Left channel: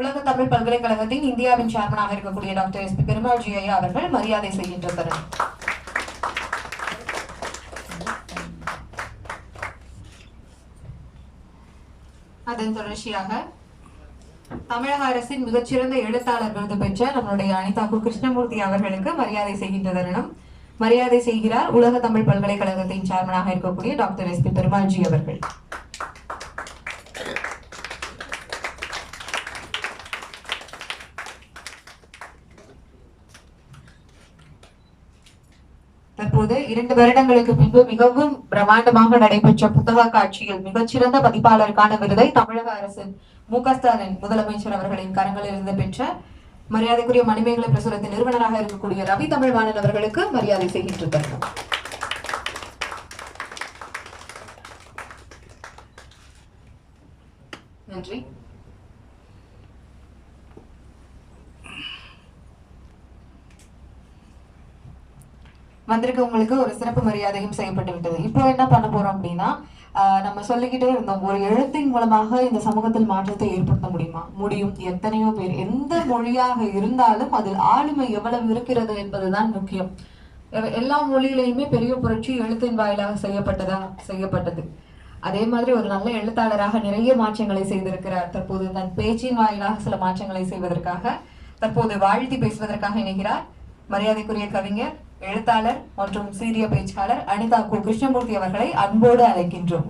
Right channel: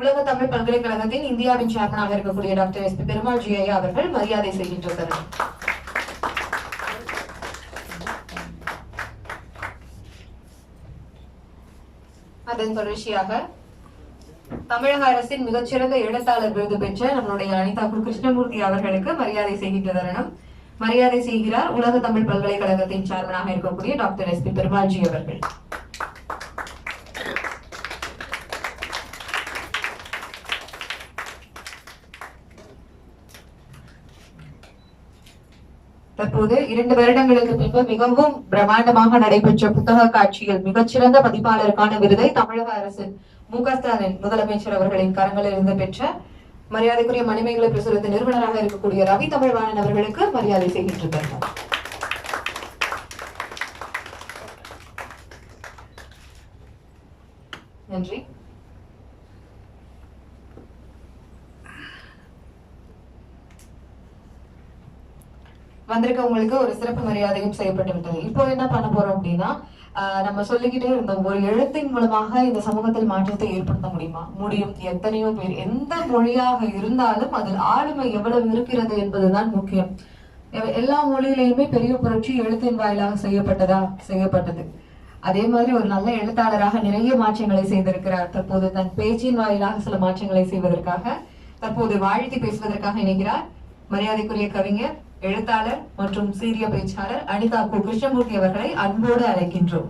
உலக தமிழ் பல்கலைக்கழகத்தின் இந்தியாவின் சேர்மனாக இருக்கக்கூடிய doctor S P Perumal ji ஐயா அவர்கள் மரியாதை செய்கின்ற தருணம். அதன் தொடர்ச்சியாக தமிழக அரசின் மிகச்சிறந்த எழுத்தாளர் விருது பெற்ற நம்மளுடைய அனிதா கிருஷ்ணமூர்த்தி அவர்களுக்கு மரியாதை செய்கின்ற தருணம். மரியாதை செய்கிறார் உலக தமிழ் பல்கலைக்கழகத்தின் சேர்மனாக இருக்கக்கூடிய டாக்டர் எஸ் பி பெருமாள்ஜி அவர்கள். தற்போது 2 வருடங்களுக்கு பின்பு மிகவும் பிரம்மாண்டமாக நடைபெற்ற புத்தக காட்சியில் மிகச்சிறந்த பதிப்பாளருக்கான விருதை தமிழக அரசின் மு.க.ஸ்டாலின் முதலமைச்சர் அவர்களின் கரங்களில் இருந்து பெற்ற மரியாதைக்குரிய மணிமேகலை பிரசுரத்தின் நிறுவனராக இருக்கக்கூடிய ரவி தமிழ்வாணன் அவர்களுக்கு மரியாதை செய்கின்றனர். நன்றி. வந்திருக்க உங்களுக்கு ஒரு சிறப்பு மரியாதையும் செய்யப்பட்டு விட்டது. இப்போ என்ன பண்ண போறோம் அப்படின்னா, நம்ம சொல்லிக்கிட்டே இருந்தோம், ஒரு எழுத்தின் மூலமாக இந்த சமூகத்தில் மாற்றத்தை ஏற்படுத்த முடியும். எத்தனையோ பேர் எந்த மொழியாக இருந்தாலும் அதில் ஆளுமை எவ்வளவு இருக்கிறது என்பதுதான் முக்கியம். எல்லா மொழியிலையுமே பெரிய புரட்சி எழுத்தின் வாயிலாக செய்யப்பட்டது. அதே மாதிரி ஒரு நல்ல எழுத்தாளராக நிறைய மாற்றங்களை செய்திருக்கிறார். தற்போது தன் பேச்சின் வாயிலாக சில மாற்றங்களை செய்வதற்காக தற்போது வாழ்த்தி பேசுவதற்காக இணைகிறார் மரியாதைக்குரிய கவிஞர், எழுத்தாளர் மற்றும் சீரிய பேச்சாளர் அனிதா கிருஷ்ணமூர்த்தி அவர்களை அன்போடு அழைக்கின்றோம்.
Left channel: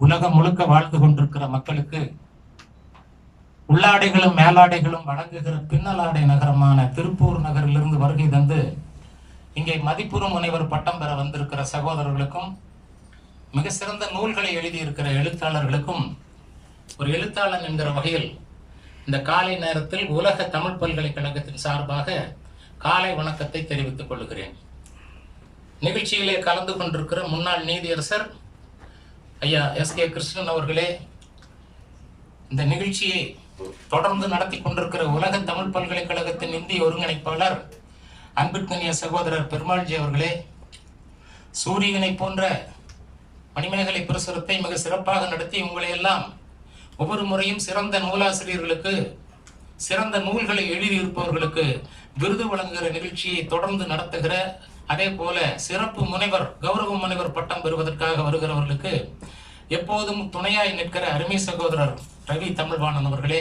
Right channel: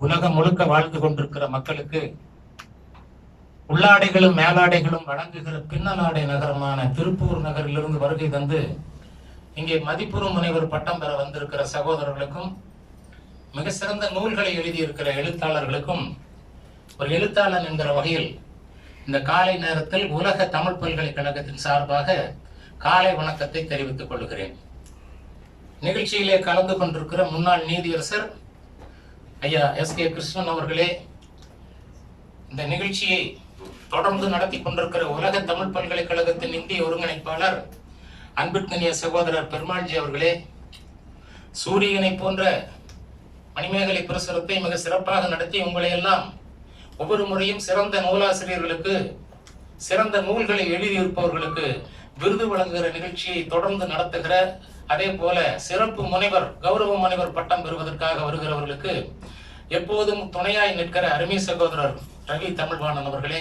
உலகம் முழுக்க வாழ்ந்து கொண்டிருக்கிற மக்களுக்கு உள்ளாடைகளும் மேலாடைகளும் வழங்குகிற பின்னலாடை நகரமான திருப்பூர் நகரிலிருந்து வருகை தந்து இங்கே மதிப்புறு முனைவர் பட்டம் பெற வந்திருக்கிற சகோதரர்களுக்கும், மிக சிறந்த நூல்களை எழுதியிருக்கிற எழுத்தாளர்களுக்கும், ஒரு எழுத்தாளன் என்கிற வகையில் இந்த காலை நேரத்தில் உலக தமிழ் பல்கலைக்கழகத்தின் சார்பாக காலை வணக்கத்தை தெரிவித்துக் கொள்கிறேன். நிகழ்ச்சியிலே கலந்து கொண்டிருக்கிற முன்னாள் நீதியரசர் ஐயா எஸ்.கே. கிருஷ்ணன் அவர்களே, இந்த நிகழ்ச்சியை தொடர்ந்து நடத்தி கொண்டிருக்கிற உலக தமிழ் பல்கலைக்கழகத்தின் இந்திய ஒருங்கிணைப்பாளர் அன்பிற்கினிய சகோதரர் பெருமாள்ஜி அவர்களே, சூரியனை போன்ற மணிமேகலை பிரசுரத்தை மிக சிறப்பாக நடத்தி உங்களை எல்லாம் ஒவ்வொரு முறையும் சிறந்த நூலாசிரியர்களுக்கு, சிறந்த நூல்களை எழுதியிருப்பவர்களுக்கு விருது வழங்குகிற நிகழ்ச்சியை தொடர்ந்து நடத்துகிற, அதே போல சிறப்பு முனைவர், கௌரவ முனைவர் பட்டம் பெறுவதற்காக வருகிறவர்களுக்கு எப்போதும் துணையாய் நிற்கிற அருமை சகோதரர் ரவி தமிழ்வாணன் அவர்களே,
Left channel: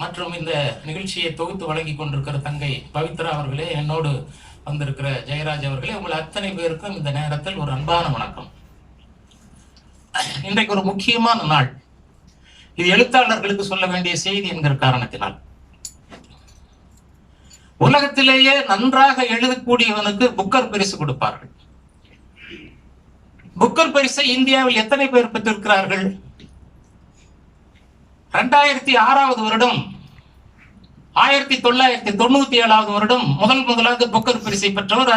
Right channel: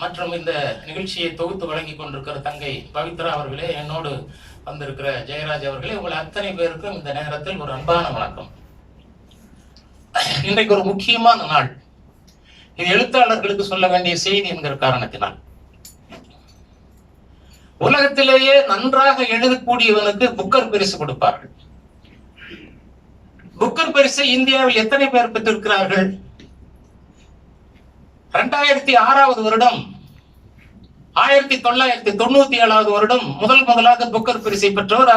மற்றும் இந்த நிகழ்ச்சியை தொகுத்து வழங்கி கொண்டிருக்கிற தங்கை பவித்ரா அவர்களே, என்னோடு வந்திருக்கிற ஜெயராஜ் அவர்களே, உங்கள் அத்தனை பேருக்கும் இந்த நேரத்தில் ஒரு அன்பான வணக்கம். இன்றைக்கு ஒரு முக்கியமான நாள். இது எழுத்தாளர்களுக்கு சொல்ல வேண்டிய செய்தி என்கிற காரணத்தினால், உலகத்திலேயே நன்றாக எழுதக்கூடியவனுக்கு புக்கர் பரிசு கொடுப்பார்கள். புக்கர் பரிசை இந்தியாவில் எத்தனை பேர் பெற்றிருக்கிறார்கள்? 2006 வருடம், 1997 வருடம் முதலாவது புக்கர் பரிசை பெற்றவர்